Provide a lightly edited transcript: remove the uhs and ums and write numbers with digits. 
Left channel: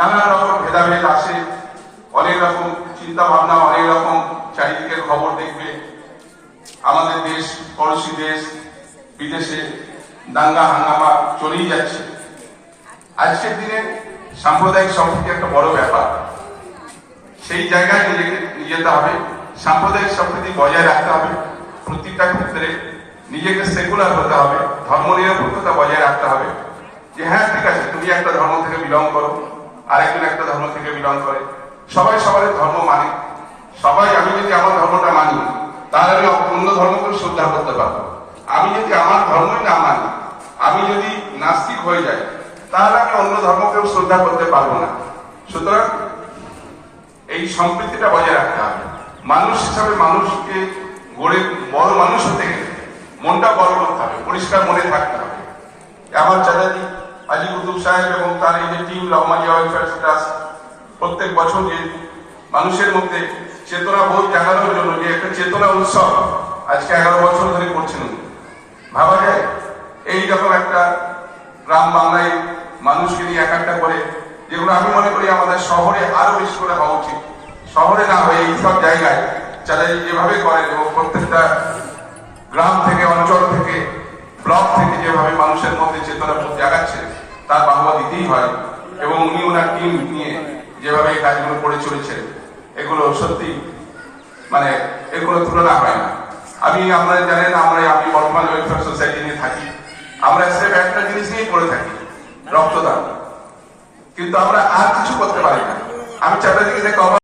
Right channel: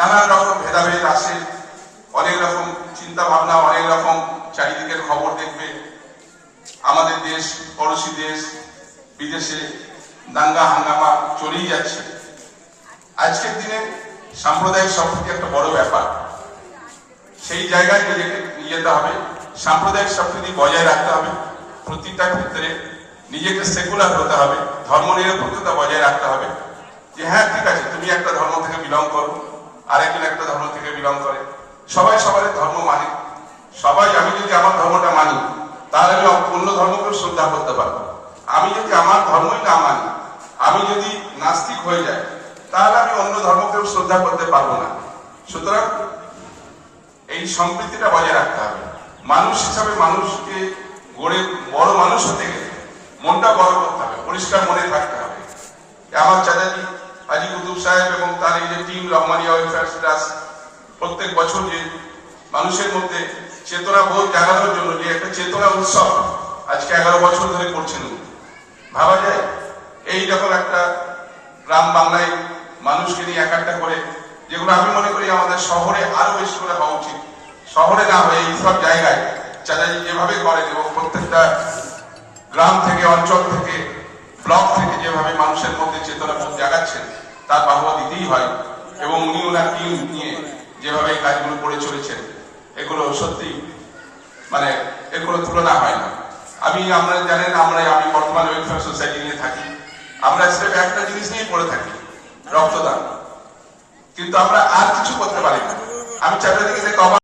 নানান রকম ভেদাভেদ আসে, অনেক রকম চিন্তা ভাবনা, অনেক রকম চারিদিকের খবর দেখবে। আমাদের দেশ, পড়োশি দেশ, বিদেশে দাঙ্গা হাঙ্গামা চলেই যাচ্ছে। আজকের দিনে সাম্প্রদায়িক সম্প্রীতি একটা বড় ব্যাপার, সেই জায়গায় নিজেকে নিয়ে যেতে হবে। সাম্প্রদায়িক সম্প্রীতি বজায় রাখতে হবে। প্রতিটা ক্ষেত্রে নিজেকে সেকুলার হতে হবে, ধর্মনিরপেক্ষতা বজায় রাখতে হবে। যে হ্যাঁ ঠিক আছে, তুমি একটা ধর্ম থেকে বিলং করো, আরেকজন একটা ধর্ম থেকে বিলং করে, সবাই সবার ধর্ম মানে। সবাই, আমি যদি আমার ধর্মটা মানি তাহলে আমি অন্য ধর্মকে শ্রদ্ধা করতে পারবো। আমি যদি আমার ধর্মই না মানি, আমি যদি নাস্তিক হয়ে যাই, তাহলে আমি অন্য ধর্মকেও শ্রদ্ধা করতে পারবো না। সুতরাং এই সম্প্রীতিটা বজায় রাখতে হবে। মানুষ হিসাবে মানুষকে গড়ে বড় মানুষ হতে গেলে মনটা বড় করতে হবে, পরিষ্কার মনে থাকতে হবে। আমার চাচাজি আজি কুতুব সাহেব এবং তার এই যে টিম রহমানিয়া ওয়েলফেয়ার ট্রাস্ট প্রত্যেক বছর যে মানুষের মধ্যে চেতনা বোধ জাগানোর জন্য যে একটা চেতনা উৎসব আজকে 11 বছর ধরে করছেন, ভাবা যায় এইরকম একটা গ্রাম বাংলায় মানুষকে নিয়ে এক একটা করে, যেগুলো আমি মনে করি আমাদের শহরে আরো বেশি করে হওয়া উচিত। শহরে না হয়ে এইসব জায়গায় চাচাজি যেভাবে করেন এবং প্রত্যেকটা গ্রাম থেকে, অঞ্চল থেকে, ব্লক থেকে যেভাবে মানুষের মধ্যে চেতনা বোধ জাগাচ্ছেন, তার বাহবা দিতেই হয়। এবং উনি ওনার টিম নিয়ে যেভাবে এই কাজগুলো করে চলেছেন, এগুলো সত্যি মানে এগুলো তুলনা হয় না। আপনারা জানেন, আমি বর্তমান ওয়েলফেয়ার সোসাইটি নিয়ে থাকি। আমরা স্রেফ একটা জিনিস নিয়ে করে থাকি, রক্তদান। কিন্তু আমরা আর কিছু করতে পারি না। আমি চাচাজিকে